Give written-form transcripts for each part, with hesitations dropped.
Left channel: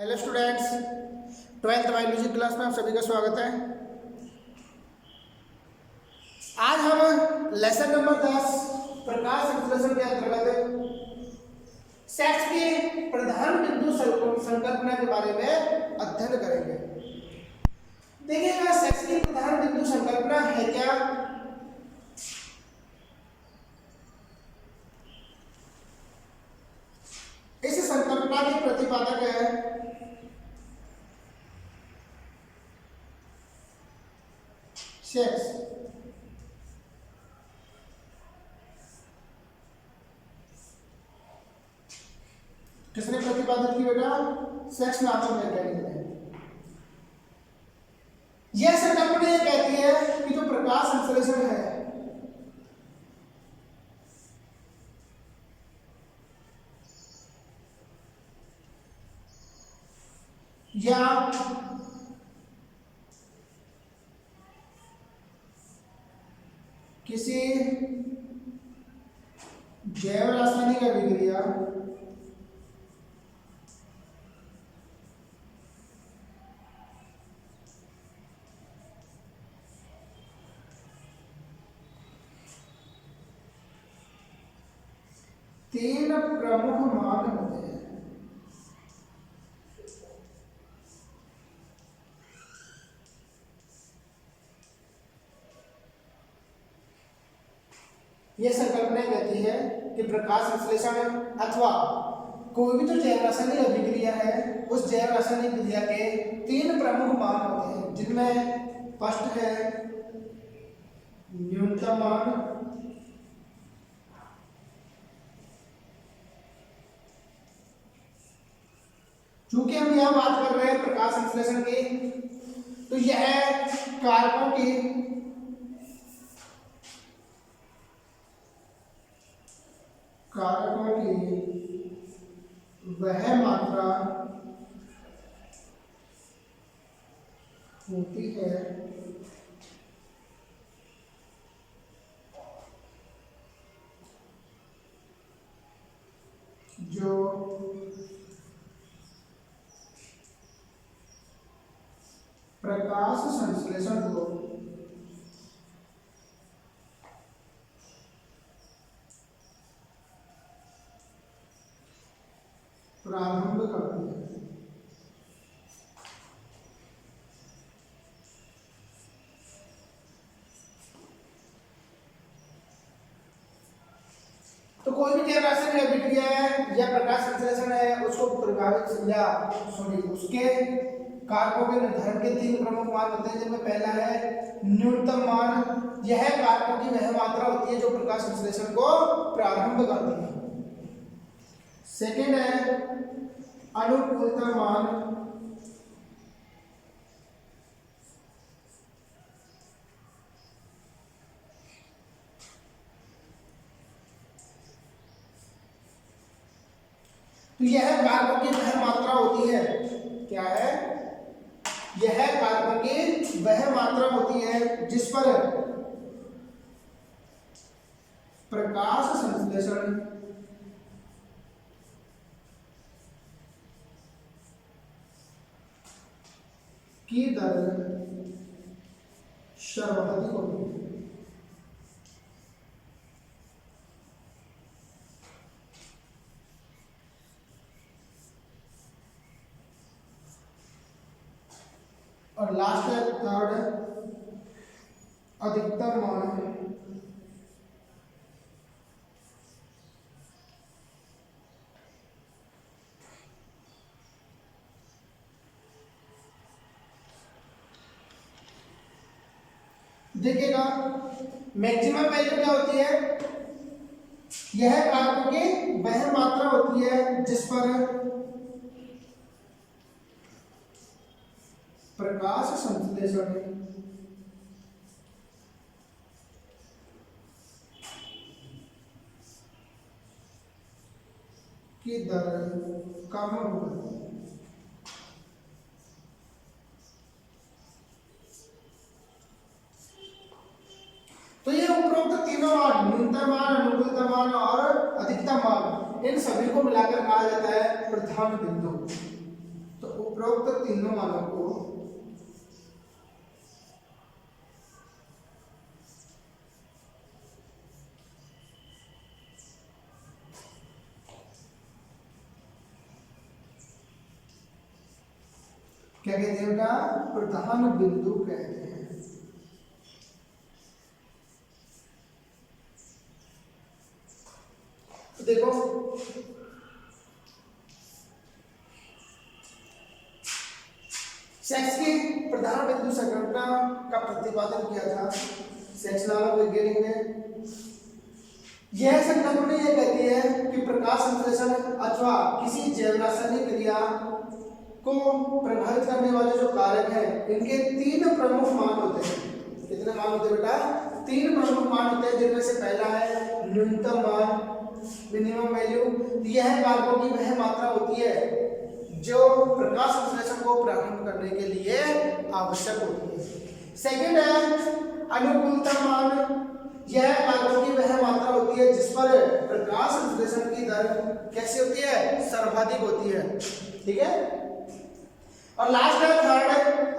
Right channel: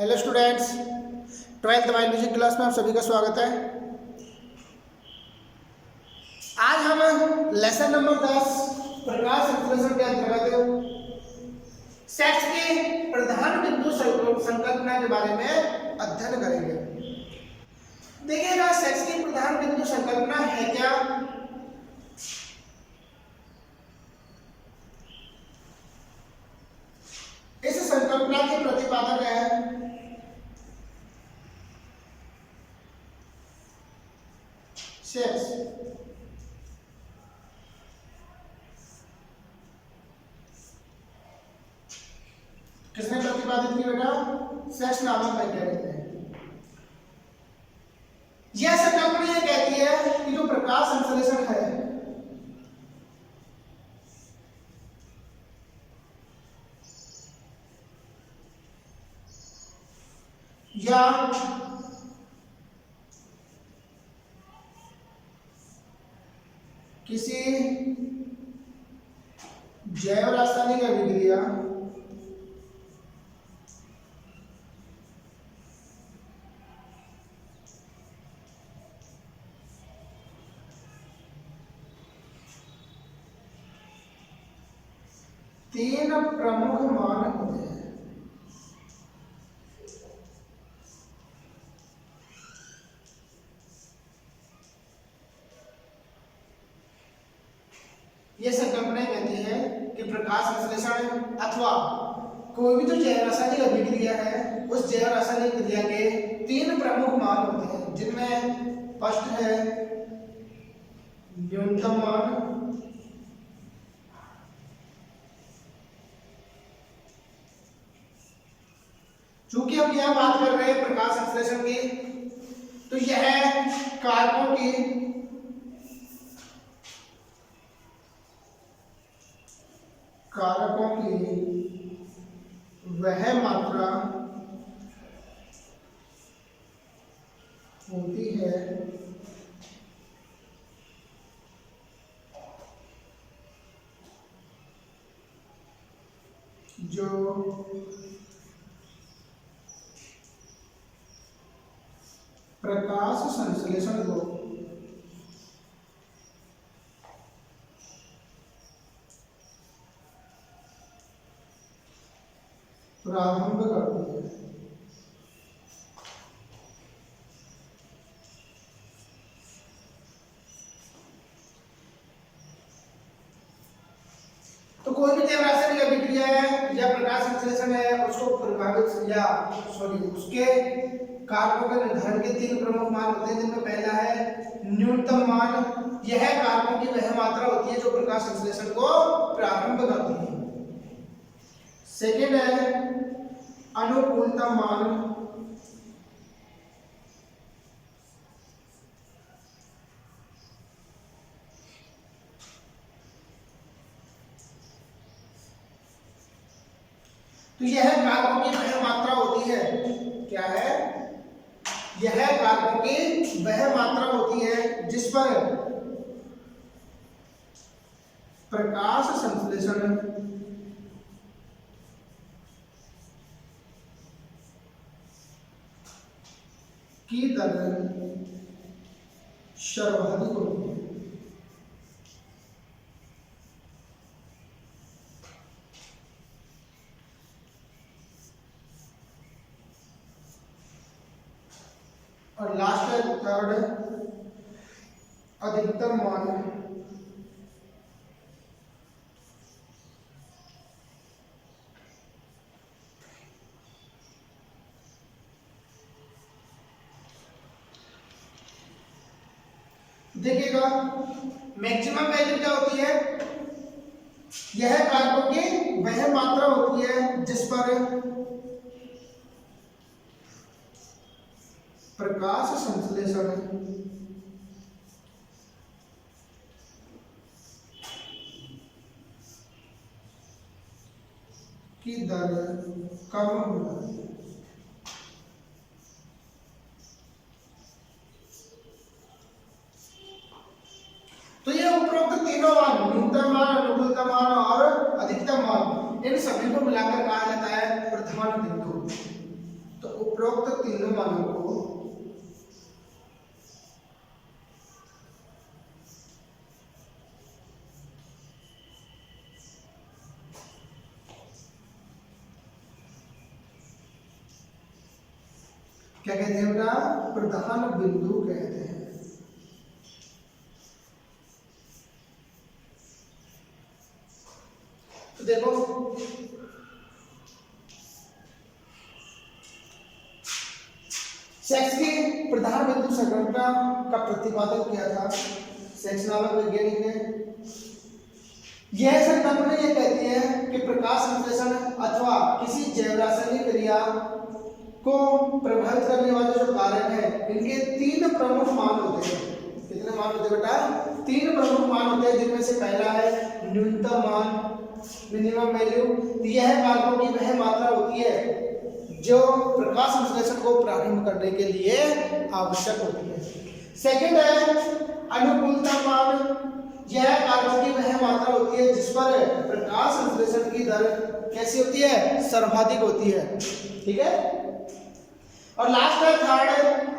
Hello students, 12th biology class में आप सभी का स्वागत है। आज हम लेसन नंबर 10 प्रकाश संश्लेषण के अंतर्गत सेक्स के प्रधान बिंदु संकल्पना के बारे में अध्ययन करेंगे। देखिएगा, सेक्स की प्रधान बिंदु संकल्पना है क्या? इस संकल्पना के प्रतिपादक है सेक्स। किसने प्रतिपादित की बेटा? सेक्स नामक वैज्ञानिक ने। यह संकल्पना ये कहती है कि जो प्रकाश संश्लेषण है या किसी जैव रासायनिक अभिक्रिया तीन प्रमुख मान होते हैं। यह संकल्पना कहती है कि प्रकाश संश्लेषण अथवा कोई भी जो जैव रासायनिक अभिक्रिया है उस जैव रासायनिक क्रिया के तीन प्रमुख मान होते हैं, जिनमें फर्स्ट है न्यूनतम मान, चूंकि हम यहां बात कर रहे हैं प्रकाश संश्लेषण की, तो यह कारकों की वह मात्रा होती है जो प्रकाश संश्लेषण को प्रारंभ करती है। तो कोई भी जैव रासायनिक अभिक्रिया है या प्रकाश संश्लेषण है, उसको प्रभावित या उसके कारकों के निर्धारण के तीन प्रमुख मान होते हैं, जिनमें पहला है न्यूनतम मान। यह कारकों की वह मात्रा होती है जो प्रकाश संश्लेषण को प्रारंभ करती है। सेकेंड है अनुकूलता मान। तो यह कारकों की वह मात्रा होती है, क्या है? यह कारकों की वह मात्रा होती है जिस पर प्रकाश संश्लेषण की दर सर्वाधिक होती है। और लास्ट है थर्ड अधिकतम मान। देखिएगा, मैक्सिमम वैल्यू क्या होती है? यह कारकों की वह मात्रा होती है जिस पर प्रकाश संश्लेषण की दर कम हो जाती है। तो ये उपरोक्त तीनों मान, न्यूनतम मान, अनुकूलतम मान और अधिकतम मान, इन सभी को मिलाकर कहा जाता है प्रधान बिंदु। तो उपरोक्त तीनों मानों को क्या कहते हैं बेटा? प्रधान बिंदु कहते हैं। तो देखो सेक्स की प्रधान बिंदु संघटना का प्रतिपादन किया था सेक्स नामक वैज्ञानिक ने। यह संकल्पना यह कहती है कि प्रकाश संश्लेषण अथवा किसी जैव रासायनिक क्रिया को प्रभावित करने वाले जो कारक है इनके तीन प्रमुख मान होते हैं। कितने मान होते हैं बेटा? तीन प्रमुख मान होते हैं, जिनमें से पहला है न्यूनतम मान, मिनिमम वैल्यू। यह कारकों की वह मात्रा होती है जो प्रकाश संश्लेषण को प्रारंभ करने के लिए आवश्यक होती है। सेकंड है अनुकूलता मान। यह कारकों की वह मात्रा होती है जिस पर प्रकाश संश्लेषण की दर कैसी होती है? सर्वाधिक होती है। ठीक है। और लास्ट है थर्ड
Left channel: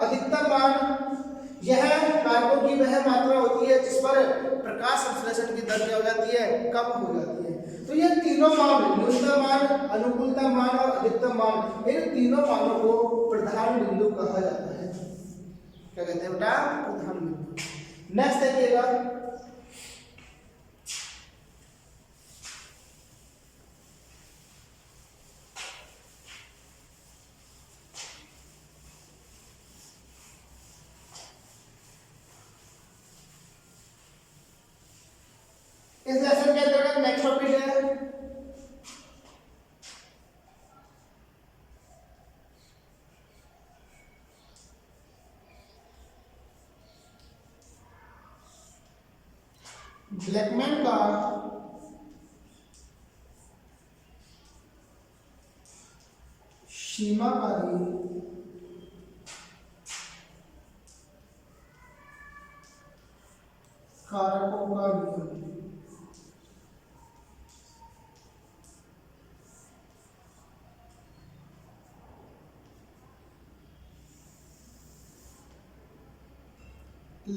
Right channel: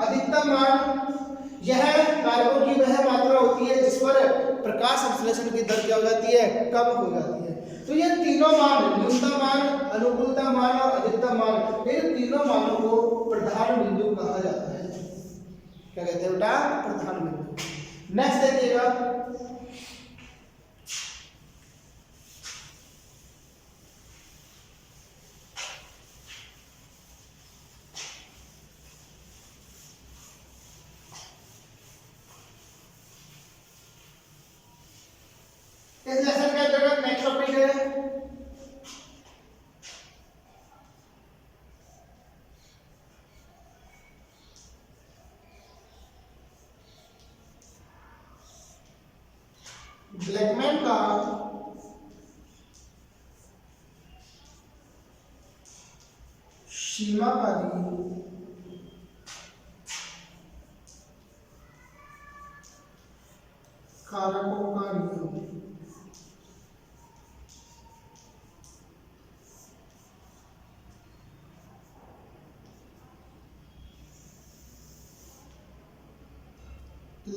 अधिकतम मान। यह कारकों की वह मात्रा होती है जिस पर प्रकाश संश्लेषण की दर क्या हो जाती है? कम हो जाती है। तो ये तीनों मान, न्यूनतम मान, अनुकूलतम मान और अधिकतम मान, इन तीनों मानों को प्रधान बिंदु कहा जाता है। क्या कहते हैं बेटा? प्रधान बिंदु। नेक्स्ट देखिएगा, इस लेसन के अंतर्गत नेक्स्ट टॉपिक है ब्लैकमैन का सीमाकारी कारकों का नियम।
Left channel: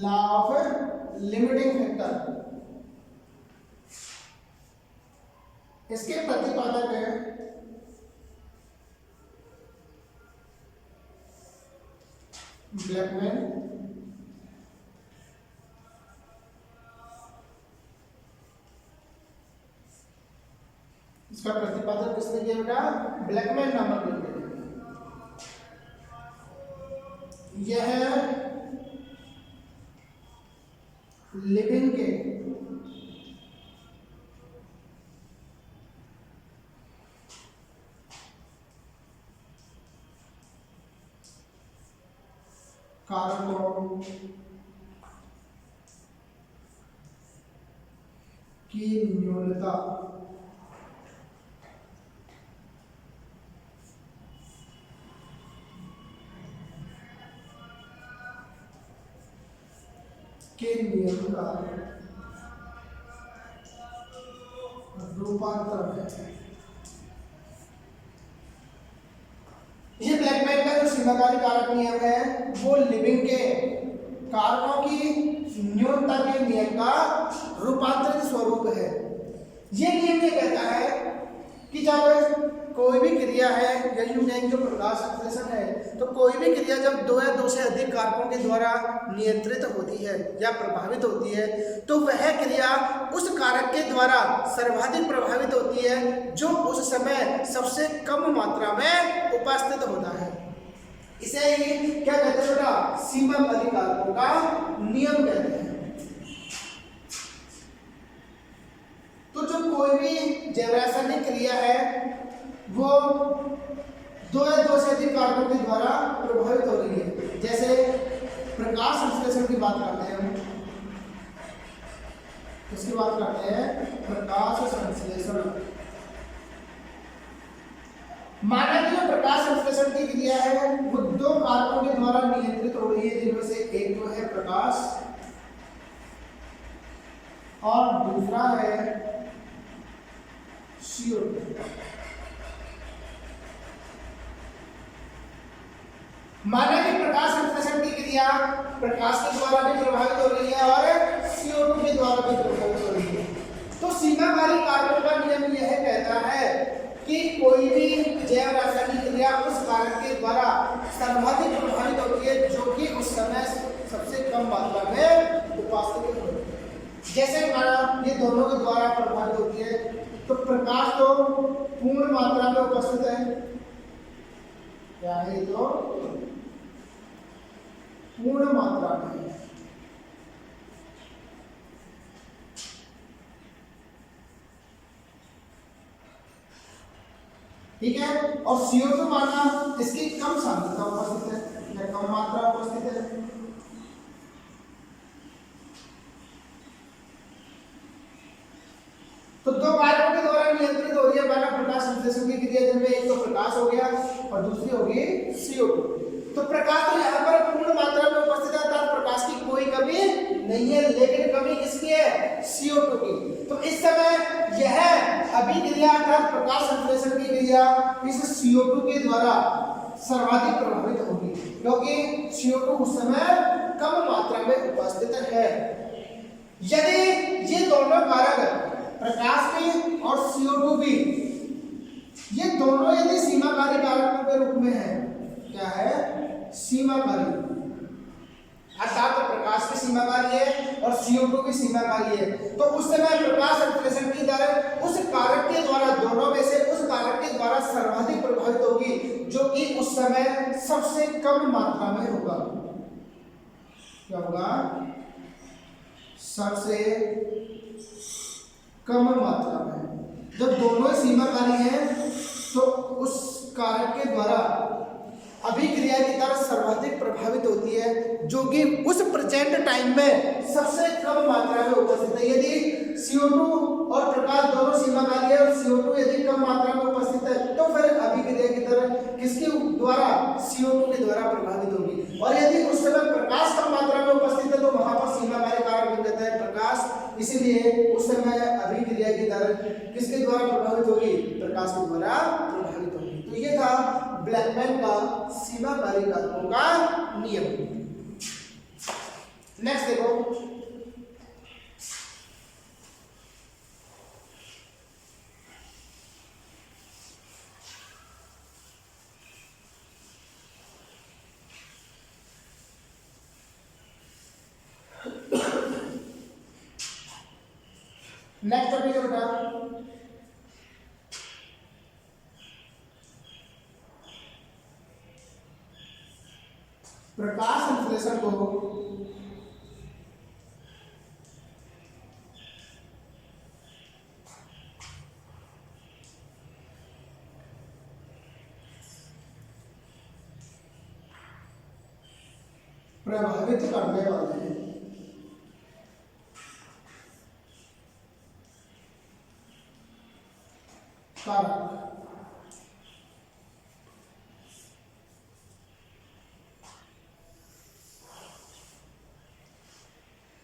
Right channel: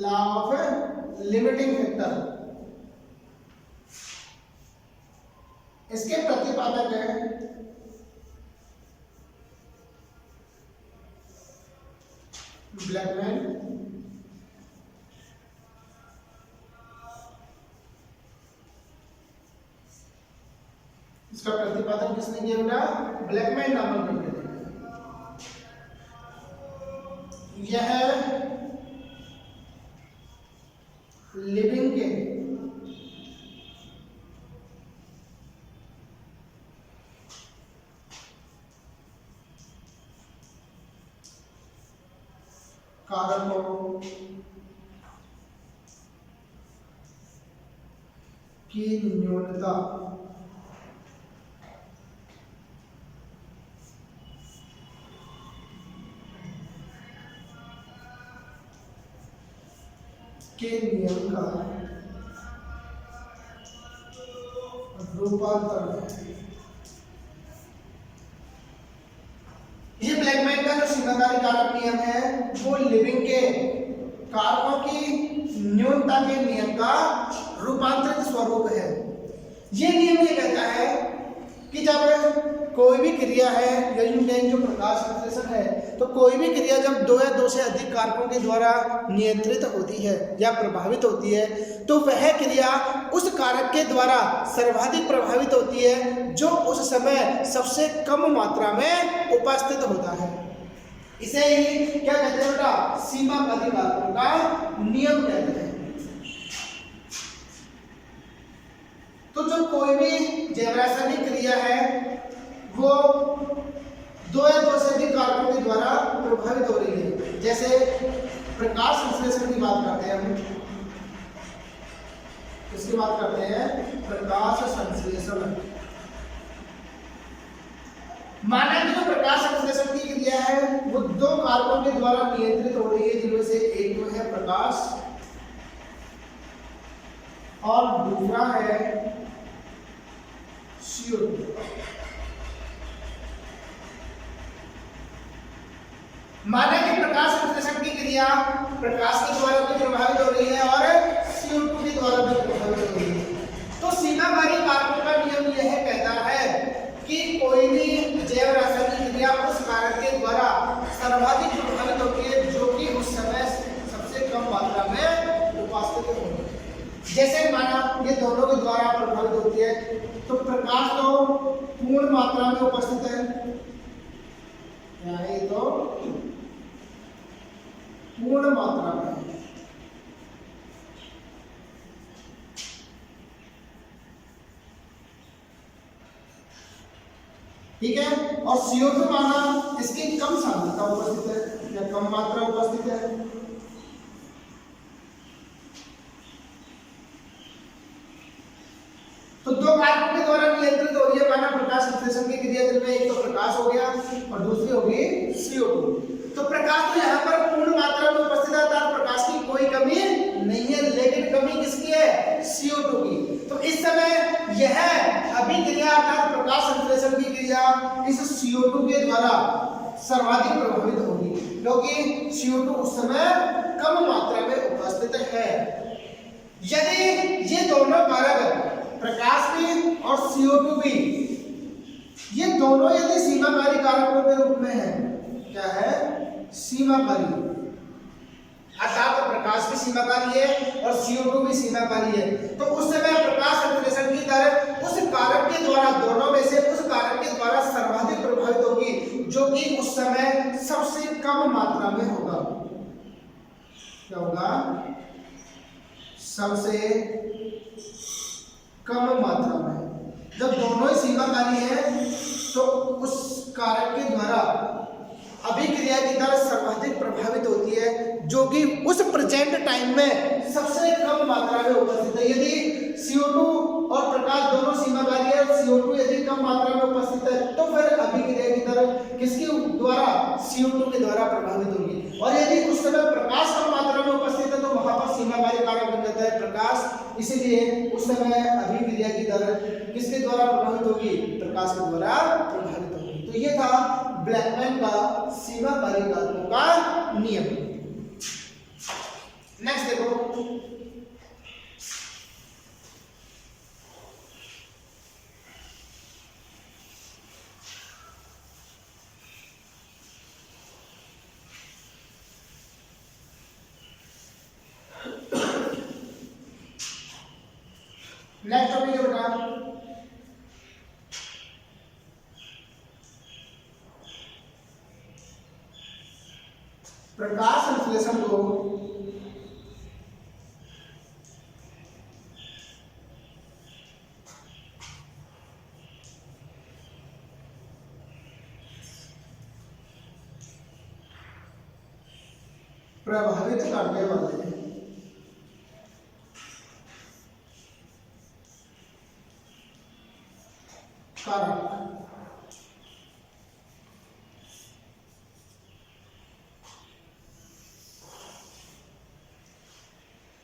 लॉ ऑफ लिमिटिंग फैक्टर, इसके प्रतिपादक है ब्लैकमैन। इसका प्रतिपादन किसने किया बेटा? ब्लैकमैन नामक व्यक्ति ने। यह लिविंग के कारकों की न्यूनता के नियम का रूपांतर है। ये ब्लैकमैन का जो सीमाकारी कारक नियम है वो लिविंग के कारकों की न्यूनता के नियम का रूपांतरित स्वरूप है। ये नियम ये कहता है कि जब कोई भी क्रिया है या यूं कहेंगे जो प्रकाश संश्लेषण है, तो कोई भी क्रिया जब दो या दो से अधिक कारकों के द्वारा नियंत्रित होती है या प्रभावित होती है तो वह क्रिया उस कारक के द्वारा सर्वाधिक प्रभावित होती है जो उस समय सबसे कम मात्रा में उपस्थित होता है। इसे ही क्या कहते हैं बेटा? सीमाकारी कारकों का नियम कहते हैं। तो जो कोई भी जैव रासायनिक क्रिया है वो दो या दो से अधिक कारकों के द्वारा प्रभावित हो रही है। जैसे प्रकाश संश्लेषण की बात करते हैं हम, इसकी बात करते हैं प्रकाश संश्लेषण। माना कि जो प्रकाश संश्लेषण की क्रिया है वो दो कारकों के द्वारा नियंत्रित हो रही है, जिनमें से एक जो है प्रकाश और दूसरा है CO2। माना कि प्रकाश संश्लेषण की क्रिया प्रकाश के द्वारा भी प्रभावित हो रही है और CO2 के द्वारा भी प्रभावित हो रही है। तो सीमाकारी कारकों का नियम यह कहता है कि कोई भी जैव रासायनिक क्रिया उस कारक के द्वारा सर्वाधिक प्रभावित होती है जो कि उस समय सबसे कम मात्रा में उपस्थित होती है। जैसे माना ये दोनों के द्वारा प्रभावित होती है, तो प्रकाश तो पूर्ण मात्रा में उपस्थित है, क्या है तो पूर्ण मात्रा में है। ठीक है, और CO2 माना इसकी कम सांद्रता उपस्थित है या कम मात्रा उपस्थित है। तो दो कारकों के द्वारा नियंत्रित हो रही है माना प्रकाश संश्लेषण की क्रिया, जिनमें एक तो प्रकाश हो गया और दूसरी होगी CO2। तो प्रकाश तो यहाँ पर पूर्ण मात्रा में उपस्थित है, अर्थात प्रकाश की कोई कमी नहीं है, लेकिन कमी किसकी है? CO2 की। तो इस समय यह अभिक्रिया अर्थात प्रकाश संश्लेषण की क्रिया इस CO2 के द्वारा सर्वाधिक प्रभावित होगी, क्योंकि CO2 उस समय कम मात्रा में उपस्थित है। यदि ये दोनों कारक प्रकाश भी और CO2 भी, ये दोनों यदि सीमाकारी कारकों के रूप में है, क्या है? सीमाकारी, अर्थात तो प्रकाश भी सीमाकारी है और CO2 भी सीमाकारी है, तो उस समय प्रकाश संश्लेषण की दर उस कारक के द्वारा, दोनों में से उस कारक के द्वारा सर्वाधिक प्रभावित होगी, जो कि उस समय सबसे कम मात्रा में होगा। क्या होगा? सबसे कम मात्रा में। जब दोनों ही सीमाकारी हैं, तो उस कारक के द्वारा अभिक्रिया की दर सर्वाधिक प्रभावित होती है, जो कि उस प्रेजेंट टाइम में सबसे कम मात्रा में उपस्थित है। यदि CO2 और प्रकाश दोनों सीमाकारी है और CO2 यदि कम मात्रा में उपस्थित है, तो फिर अभिक्रिया की दर किसके द्वारा? CO2 के द्वारा प्रभावित होगी। और यदि उस समय प्रकाश कम मात्रा में उपस्थित है, तो वहां पर सीमाकारी कारक बन जाता है प्रकाश, इसलिए उस समय अभिक्रिया की दर किसके द्वारा प्रभावित होगी? प्रकाश के द्वारा प्रभावित होगी। तो ये था ब्लैकमैन का सीमाकारी कारकों का नियम। नेक्स्ट देखो, नेक्स्ट टॉपिक है बेटा प्रकाश संश्लेषण को प्रभावित करने वाले कारक।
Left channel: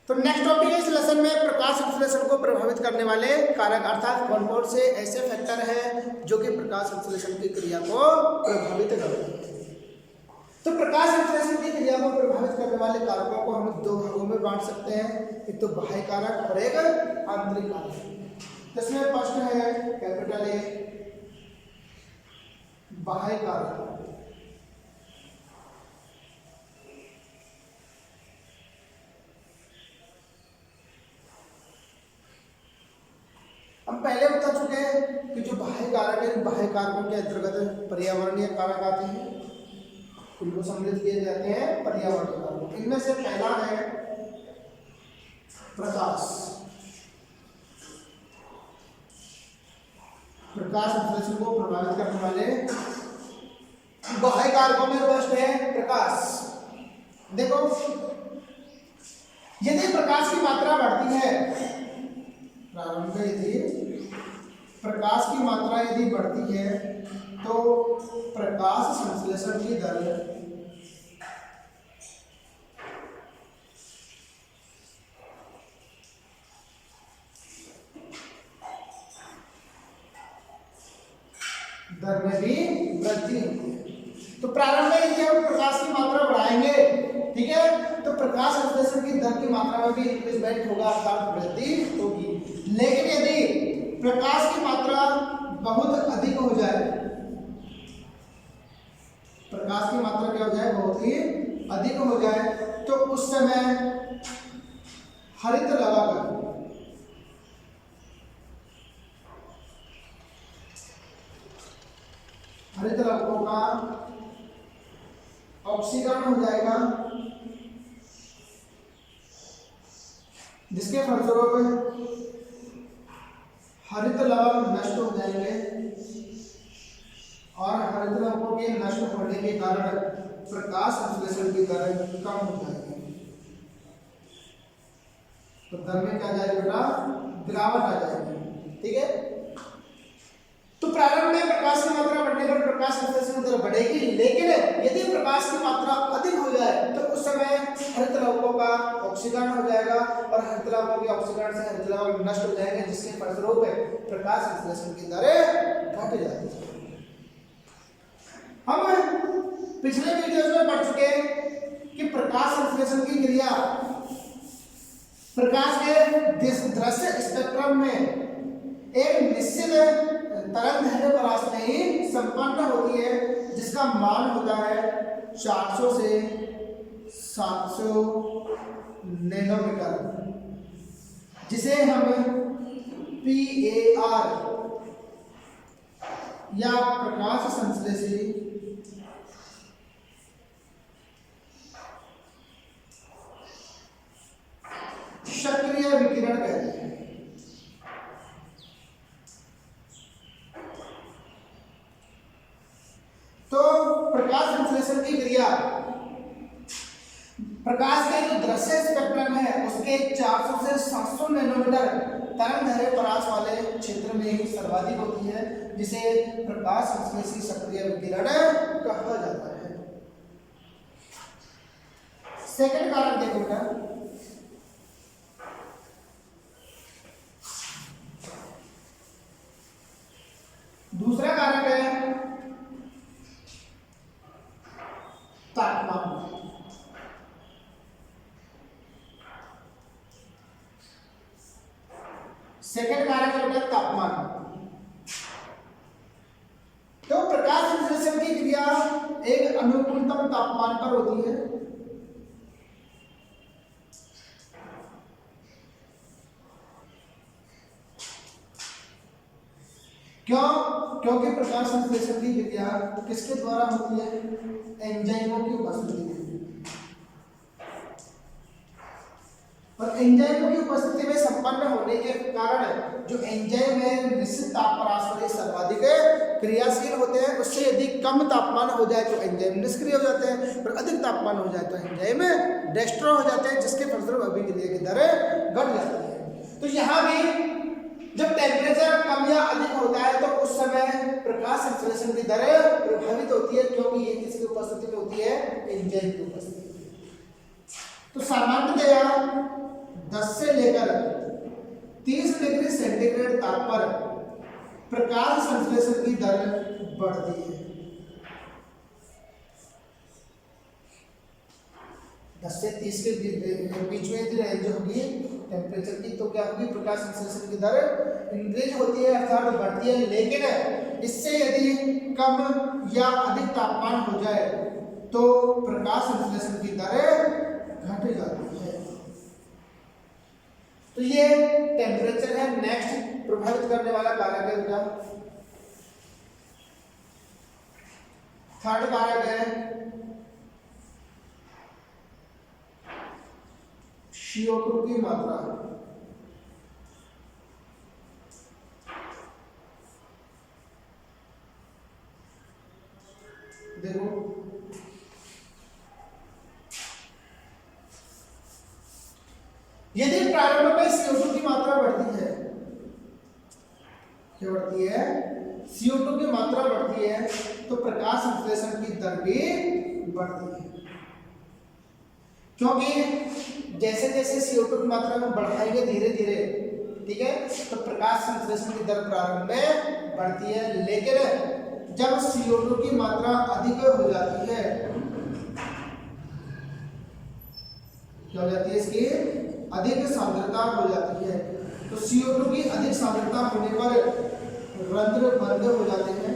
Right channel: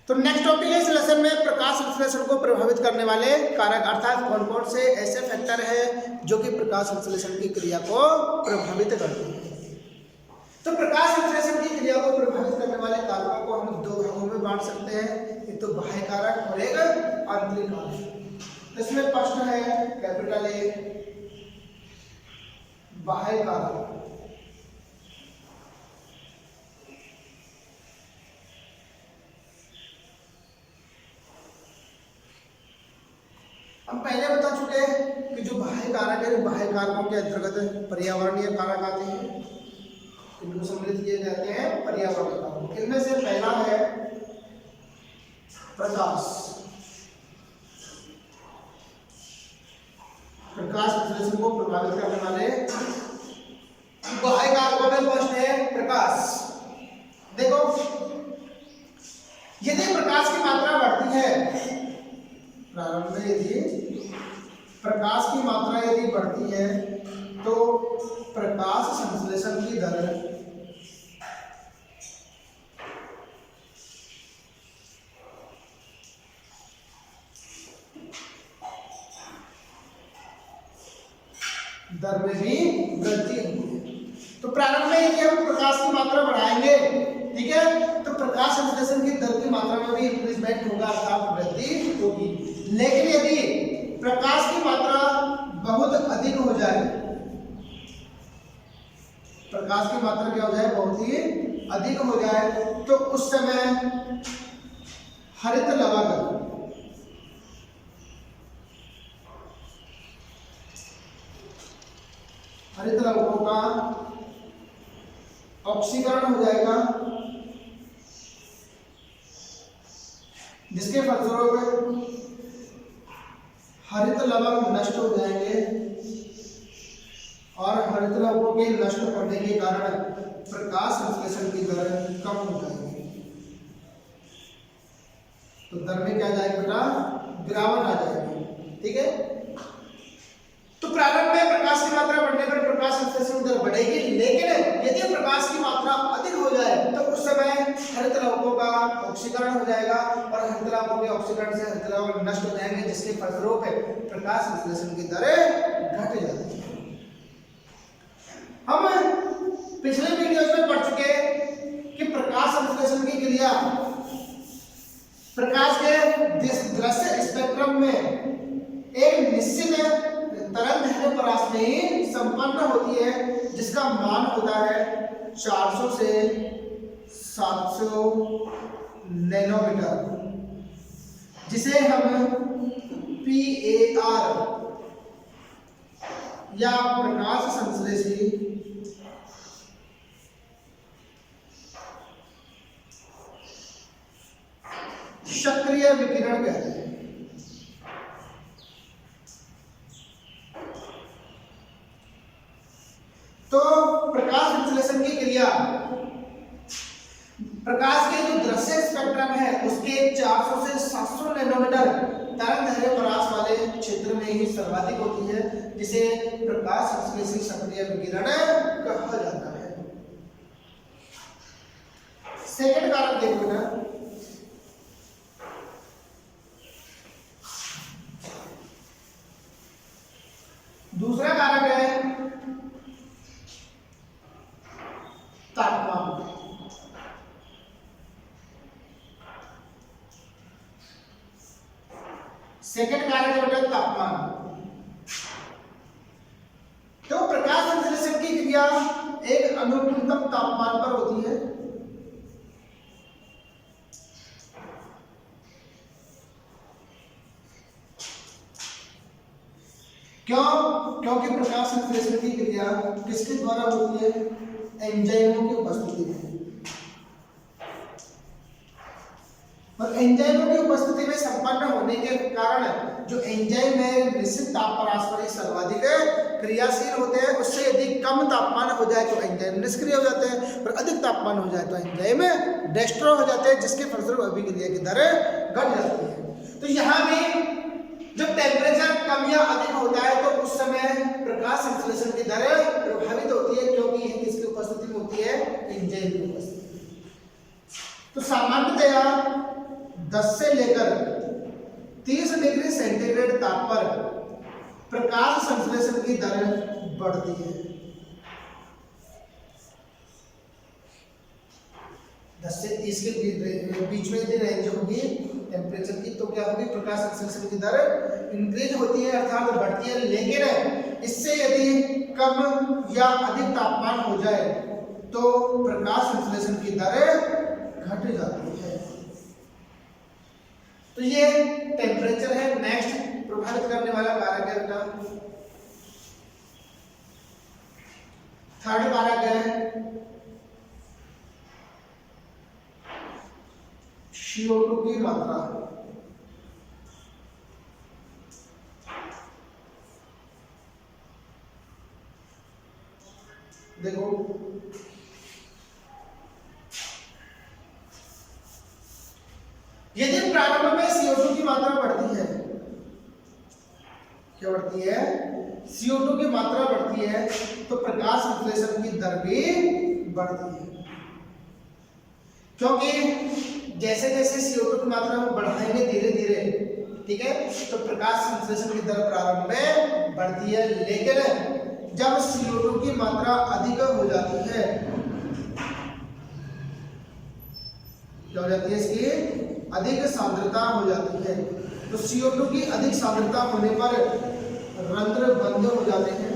तो नेक्स्ट टॉपिक है इस लेसन में प्रकाश संश्लेषण को प्रभावित करने वाले कारक, अर्थात कौन कौन से ऐसे फैक्टर हैं जो कि प्रकाश संश्लेषण की क्रिया को प्रभावित करते हैं। तो प्रकाश संश्लेषण की क्रिया को प्रभावित करने वाले कारकों को हम दो भागों में बांट सकते हैं, एक तो बाह्य कारक और एक आंतरिक कारक। तो इसमें प्रश्न है कैपिटल ए बाह्य कारक। हम पहले बता चुके हैं कि जो बाह्य कारक है, बाह्य कारकों के अंतर्गत पर्यावरणीय कारक आते हैं, इनको सम्मिलित किए जाते हैं पर्यावरणीय कारक। इनमें से पहला है प्रकाश। प्रकाश संश्लेषण को प्रभावित करने वाले बाह्य कारकों में फर्स्ट है प्रकाश। देखो, यदि प्रकाश की मात्रा बढ़ती है, प्रारंभ में यदि प्रकाश की मात्रा यदि बढ़ती है, तो प्रकाश संश्लेषण की दर में भी वृद्धि होती है। तो प्रारंभ में यदि हम प्रकाश की मात्रा बढ़ाएंगे, ठीक है, तो प्रकाश संश्लेषण की दर की मात्रा में भी इंक्रीजमेंट होगा, अर्थात वृद्धि होगी। लेकिन यदि प्रकाश की मात्रा बहुत अधिक हो जाए, प्रकाश की मात्रा क्या हो जाए, बहुत ही अधिक हो जाए, तो उस समय हरित लवक हरित लवकों का ऑक्सीकरण हो जाएगा, जिसके फलस्वरूप हरित लवक नष्ट हो जाएंगे और हरित लवकों के नष्ट होने के कारण प्रकाश संश्लेषण की दर कम हो जाएगी। तो दर में क्या जाएगी बेटा, गिरावट आ जाएगी, ठीक है। तो प्रारंभ में प्रकाश की मात्रा बढ़ने पर प्रकाश संश्लेषण दर बढ़ेगी, लेकिन यदि प्रकाश की मात्रा अधिक हो जाए तो उस समय हरित लवकों का ऑक्सीकरण हो जाएगा और हरित लवकों के ऑक्सीकरण से हरित लवक नष्ट हो जाएंगे, जिसके फलस्वरूप प्रकाश संश्लेषण की दर घट जाती है। हम पिछले वीडियोस में पढ़ चुके कि प्रकाश संश्लेषण की क्रिया प्रकाश के दृश्य स्पेक्ट्रम में एक निश्चित तरंगदैर्घ्य परास में ही संपन्न होती है, जिसका मान होता है 400 से 700 नैनोमीटर, जिसे हम PAR या प्रकाश संश्लेषी सक्रिय विकिरण कहते हैं। तो प्रकाश संश्लेषण की क्रिया प्रकाश के जो दृश्य स्पेक्ट्रम है उसके 400 से 700 नैनोमीटर तरंगदैर्घ्य परास वाले क्षेत्र में ही सर्वाधिक होती है, जिसे प्रकाश संश्लेषी सक्रिय विकिरण कहा जाता है। सेकंड कारक देखो बेटा, दूसरा कारक है तापमान। सेकंड कारक है बेटा तापमान। तो प्रकाश संश्लेषण की क्रिया एक अनुकूलतम तापमान पर होती है, क्यों? क्योंकि प्रकाश संश्लेषण की क्रिया किसके द्वारा होती है, एंजाइमों की उपस्थिति में। और एंजाइमों की उपस्थिति में संपन्न होने के कारण जो एंजाइम है निश्चित ताप परास पर सर्वाधिक क्रियाशील होते हैं। उससे यदि कम तापमान हो जाए तो एंजाइम निष्क्रिय हो जाते हैं और अधिक तापमान हो जाए तो एंजाइम डिस्ट्रॉय हो जाते हैं, जिसके फलस्वरूप अभिक्रिया की दर घट जाती है। तो यहाँ भी जब टेम्परेचर कम या अधिक होता है तो उस समय प्रकाश संश्लेषण की दर प्रभावित होती है, क्योंकि ये किसकी उपस्थिति में होती है, एंजाइम की उपस्थिति में। तो सामान्यतया 10 से लेकर 30 डिग्री सेंटीग्रेड ताप पर प्रकाश संश्लेषण की दर बढ़ती है। 10 से 30 के बीच में यदि रेंज होगी टेम्परेचर की तो क्या होगी, प्रकाश संश्लेषण की दर इंक्रीज होती है अर्थात बढ़ती है। लेकिन इससे यदि कम या अधिक तापमान हो जाए तो प्रकाश संश्लेषण की दर घट जाती है। तो ये टेम्परेचर है। नेक्स्ट प्रभावित करने वाला कारक है बेटा थर्ड कारक है CO2 की मात्रा। देखो यदि प्रारंभ में CO2 की मात्रा बढ़ती है, क्या बढ़ती है, CO2 की मात्रा बढ़ती है तो प्रकाश संश्लेषण की दर भी बढ़ती है, क्योंकि जैसे जैसे CO2 की मात्रा में बढ़ाएंगे धीरे धीरे, ठीक है, तो प्रकाश संश्लेषण की दर प्रारंभ में बढ़ती है। लेकिन जब CO2 की मात्रा अधिक हो जाती है, क्या हो जाती है, इसकी अधिक सांद्रता हो जाती है। तो CO2 की अधिक सांद्रता होने पर रंध्र बंद हो जाते हैं,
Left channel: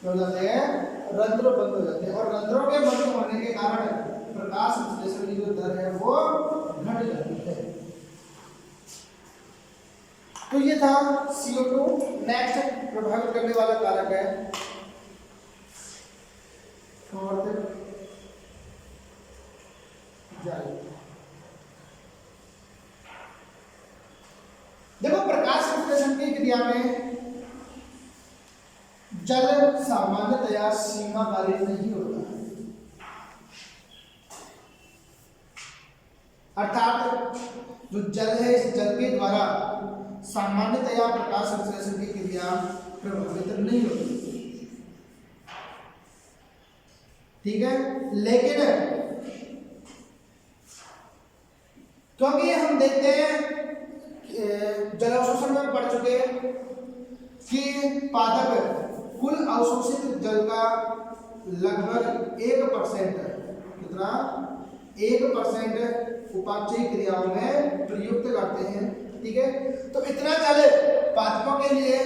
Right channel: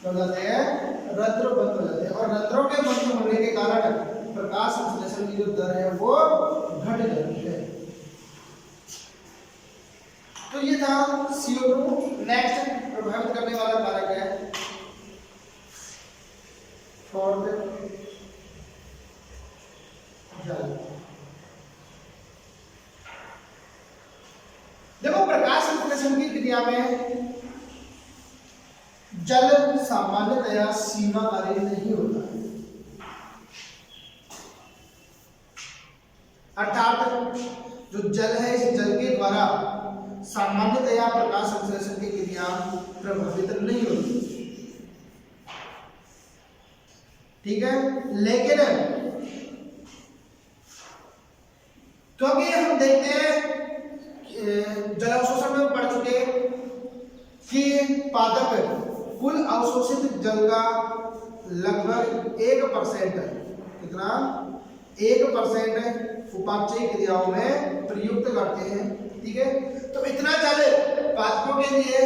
क्या हो जाते हैं, रंध्र बंद हो जाते हैं, और रंध्रों के बंद होने के कारण प्रकाश संश्लेषण की जो दर है वो घट जाती है। तो ये था CO2। नेक्स्ट प्रभावित करने वाला कारक है फोर्थ जल। देखो प्रकाश संश्लेषण की क्रिया में जल सामान्यतया सीमाकारी नहीं होता है, अर्थात जो जल है इस जल के द्वारा सामान्यतया प्रकाश संश्लेषण की क्रिया प्रभावित नहीं होती, ठीक है। लेकिन क्योंकि हम देखते हैं जल अवशोषण में पढ़ चुके कि पादप कुल अवशोषित जल का लगभग 1%, कितना, 1% उपापचयी क्रियाओं में प्रयुक्त करते हैं, ठीक है। तो इतना जल पादपों के लिए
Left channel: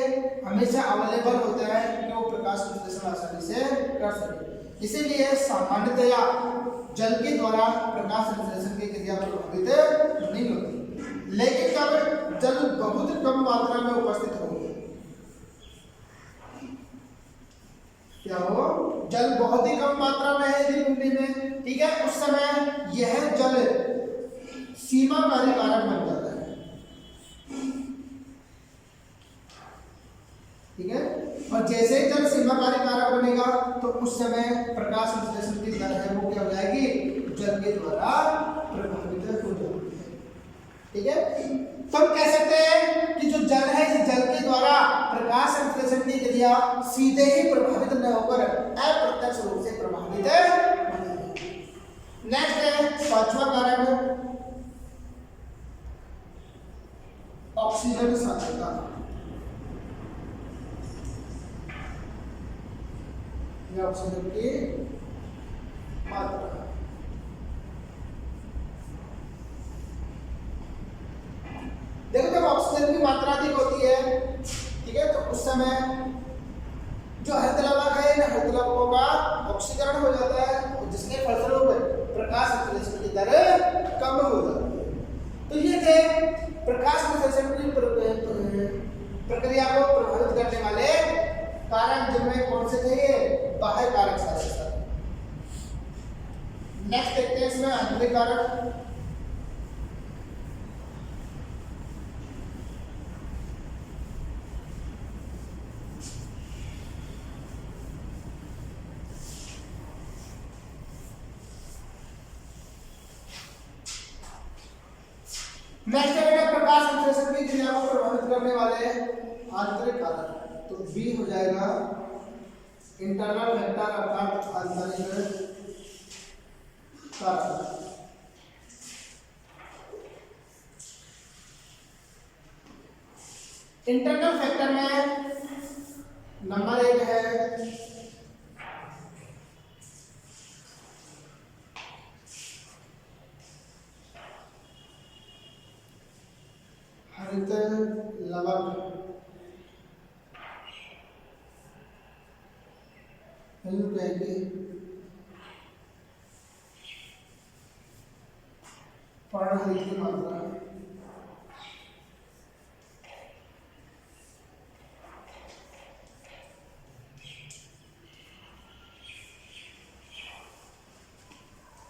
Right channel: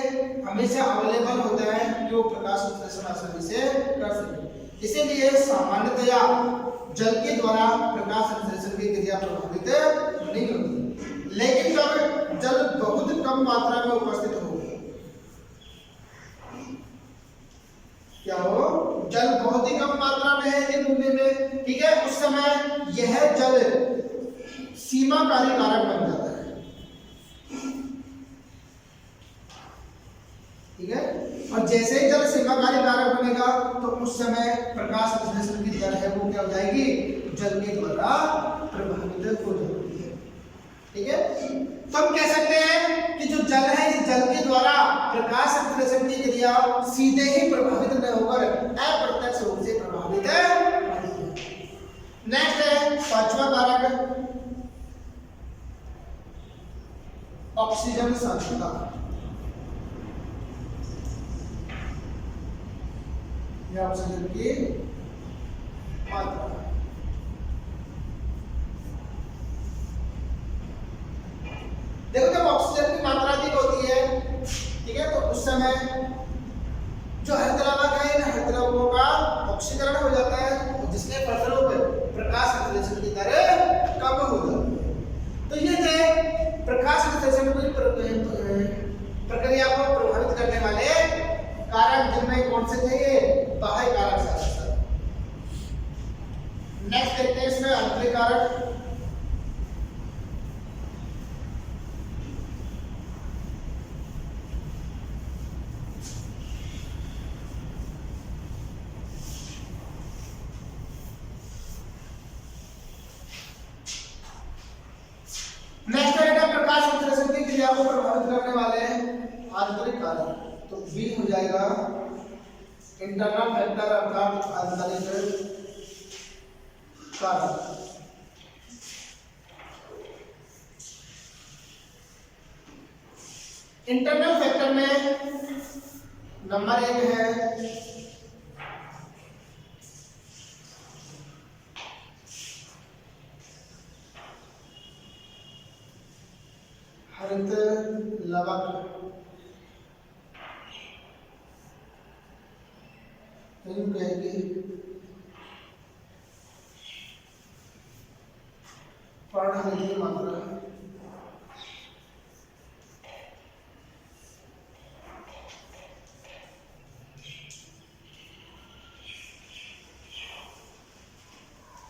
हमेशा अवेलेबल होता है कि वो प्रकाश संश्लेषण आसानी से कर सके। इसीलिए सामान्यतया जल के द्वारा प्रकाश संश्लेषण की क्रिया प्रभावित नहीं होती। लेकिन जब जल बहुत कम मात्रा में उपस्थित हो, क्या हो, जल बहुत ही कम मात्रा में है इस भूमि में, ठीक है, उस समय यह जल सीमाकारी कारक बन जाता है, ठीक है। और जैसे ही जल सीमाकारी कारक बनेगा तो उस समय प्रकाश संश्लेषण की दर है वो क्या हो जाएगी, जल के द्वारा प्रभावित हो जाती है, ठीक है। तो हम कह सकते हैं कि जो जल है इस जल के द्वारा प्रकाश संश्लेषण की क्रिया सीधे ही प्रभावित न होकर अप्रत्यक्ष रूप से प्रभावित होती है। नेक्स्ट है पांचवा कारक ऑक्सीजन सांद्रता। यह ऑक्सीजन की मात्रा, देखो जब ऑक्सीजन की मात्रा अधिक होती है, ठीक है, तो उस समय जो हरितलवक है इन हरितलवकों का ऑक्सीकरण हो जाता है, जिसके फलस्वरूप प्रकाश संश्लेषण की दर कम हो जाती है। तो ये थे प्रकाश संश्लेषण की प्रक्रिया को प्रभावित करने वाले कारक, जिनमें कौन से थे, ये बाह्य कारक शास्त्र। नेक्स्ट देखते हैं इसमें आंतरिक कारक। नेक्स्ट है प्रकाश संश्लेषण की क्रिया को प्रभावित करने वाले आंतरिक कारक। तो बी हो जाएगा इंटरनल फैक्टर, अर्थात आंतरिक कारक। इंटरनल फैक्टर में नंबर 1 है हरितलवक, पर्णहरित की मात्रा,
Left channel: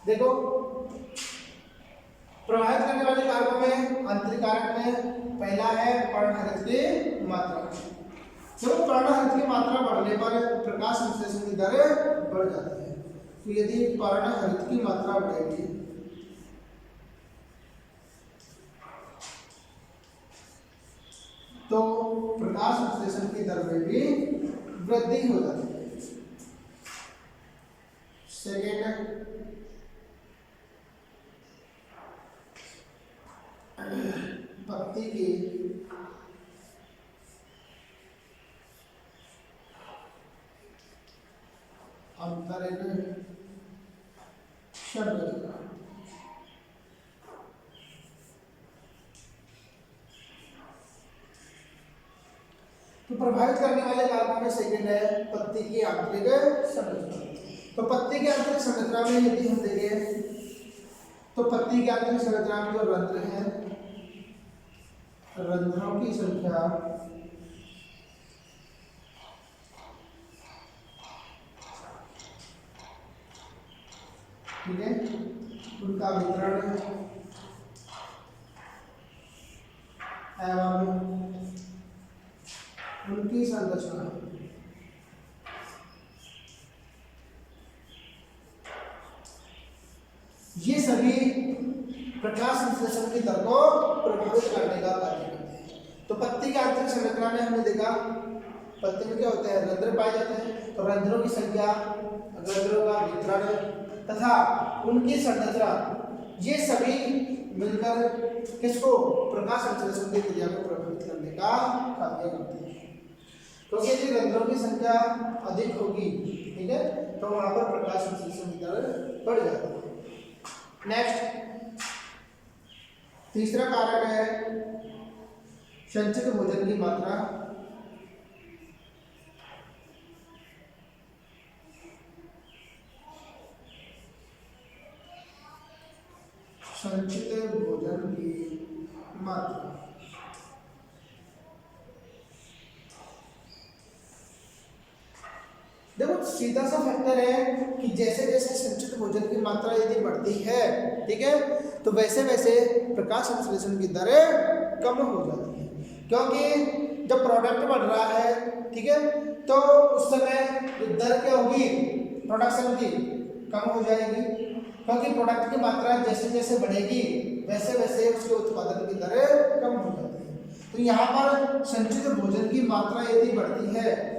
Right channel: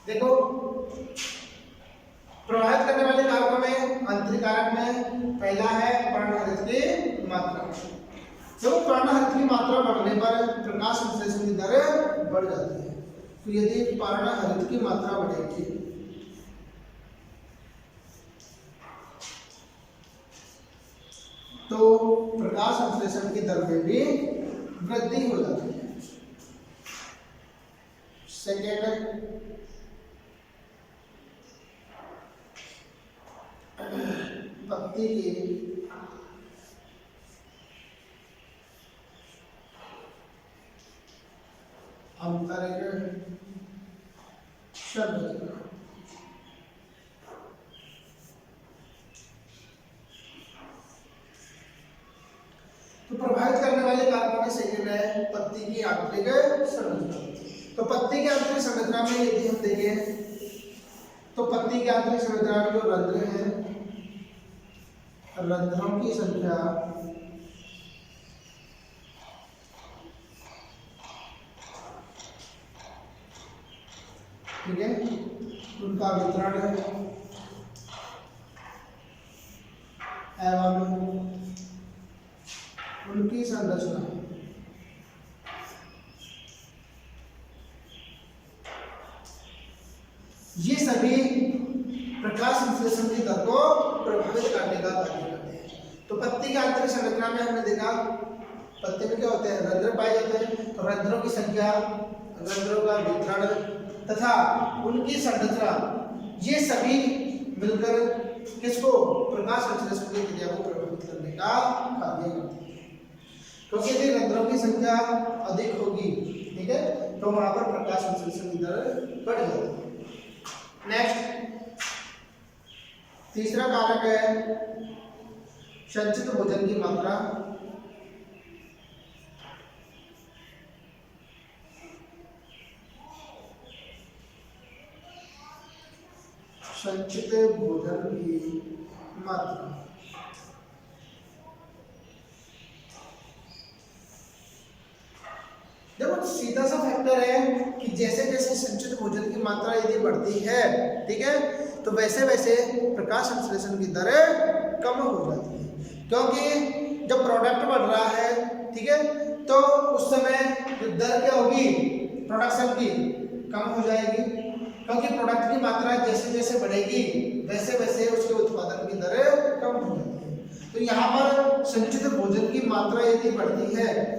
देखो प्रभावित करने वाले कारकों में आंतरिक कारक में पहला है पर्णहरित की मात्रा। जब पर्णहरित की मात्रा बढ़ने पर प्रकाश संश्लेषण की दर बढ़ जाती है। तो यदि पर्णहरित की मात्रा बढ़ेगी तो प्रकाश संश्लेषण की दर में भी वृद्धि हो जाती है। सेकेंड, पत्ती की आंतरिक संरचना। तो प्रभावित करने वाले कारकों में सेकंड है पत्ती की आंतरिक संरचना। तो पत्ती की आंतरिक संरचना में यदि हम देखें तो पत्ती की आंतरिक संरचना में जो रंध्र हैं, रंध्रों की संख्या ठीक है, उनका वितरण एवं उनकी संरचना ये सभी प्रकाश संश्लेषण की दर को प्रभावित करने का कार्य करते हैं। तो पत्ती की आंतरिक संरचना में हमने देखा पत्ती में क्या होते हैं, रंध्र पाए जाते हैं। तो रंध्रों की संख्या, रंध्रों का वितरण तथा उनकी संरचना ये सभी मिलकर किसको, प्रकाश संश्लेषण की क्रिया को प्रभावित करने का कार्य करते हैं। क्योंकि यदि रंध्रों की संख्या अधिक होगी, ठीक है, तो वहां पर प्रकाश संश्लेषण की दर बढ़ जाती है। नेक्स्ट तीसरा कारक है संचित भोजन की मात्रा। संचित भोजन की मात्रा देखो सीधा सा फैक्टर है कि जैसे जैसे संचित भोजन की मात्रा यदि बढ़ती है, ठीक है, तो वैसे वैसे प्रकाश संश्लेषण की दर कम हो जाती है। क्योंकि जब प्रोडक्ट बढ़ रहा है, ठीक है, तो उस समय जो दर क्या होगी प्रोडक्शन की, कम हो जाएगी। क्योंकि प्रोडक्ट की मात्रा जैसे जैसे बढ़ेगी वैसे वैसे उसके उत्पादन की दर कम हो जाती है। तो यहाँ पर संचित भोजन की मात्रा यदि बढ़ती है,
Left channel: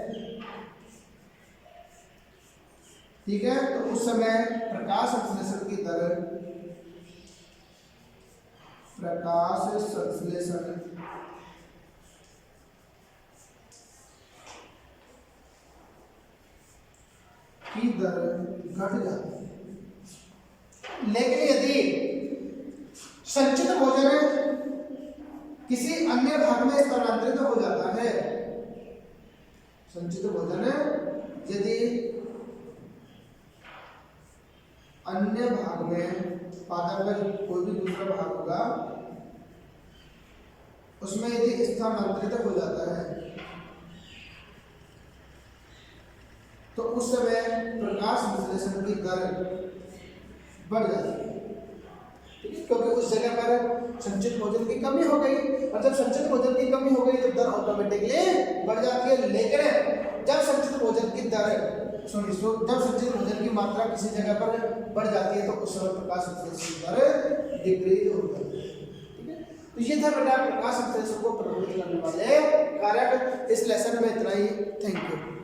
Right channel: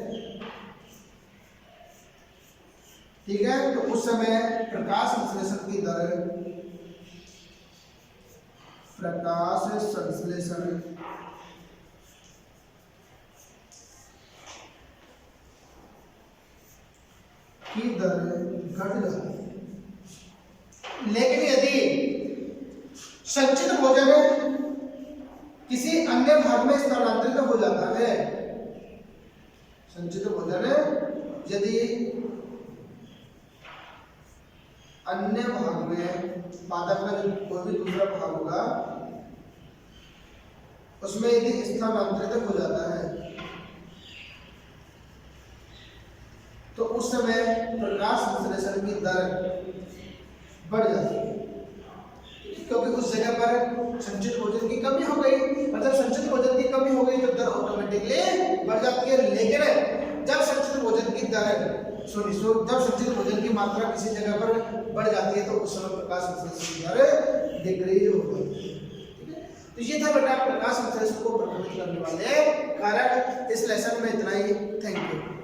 ठीक है, तो उस समय प्रकाश संश्लेषण की दर, प्रकाश संश्लेषण की दर घट जाती है। लेकिन यदि संचित भोजन किसी अन्य भाग में स्थानांतरित हो जाता है, संचित भोजन यदि अन्य भाग में, पादप का जो कोई भी दूसरा भाग होगा उसमें यदि स्थानांतरित हो जाता है, तो उस समय प्रकाश संश्लेषण की दर बढ़ जाती है, क्योंकि उस जगह पर संचित भोजन की कमी हो गई। मतलब संचित भोजन की कमी हो गई तो दर ऑटोमेटिकली बढ़ जाती है। लेकिन जब संचित भोजन की दर जब संचित भोजन की मात्रा किसी जगह पर बढ़ जाती है तो उस समय प्रकाश संश्लेषण की दर डिक्रीज हो जाती है। ठीक है, तो ये था बेटा प्रकाश संश्लेषण को प्रभावित करने वाले कारक। इस लेसन में इतना ही। Thank you.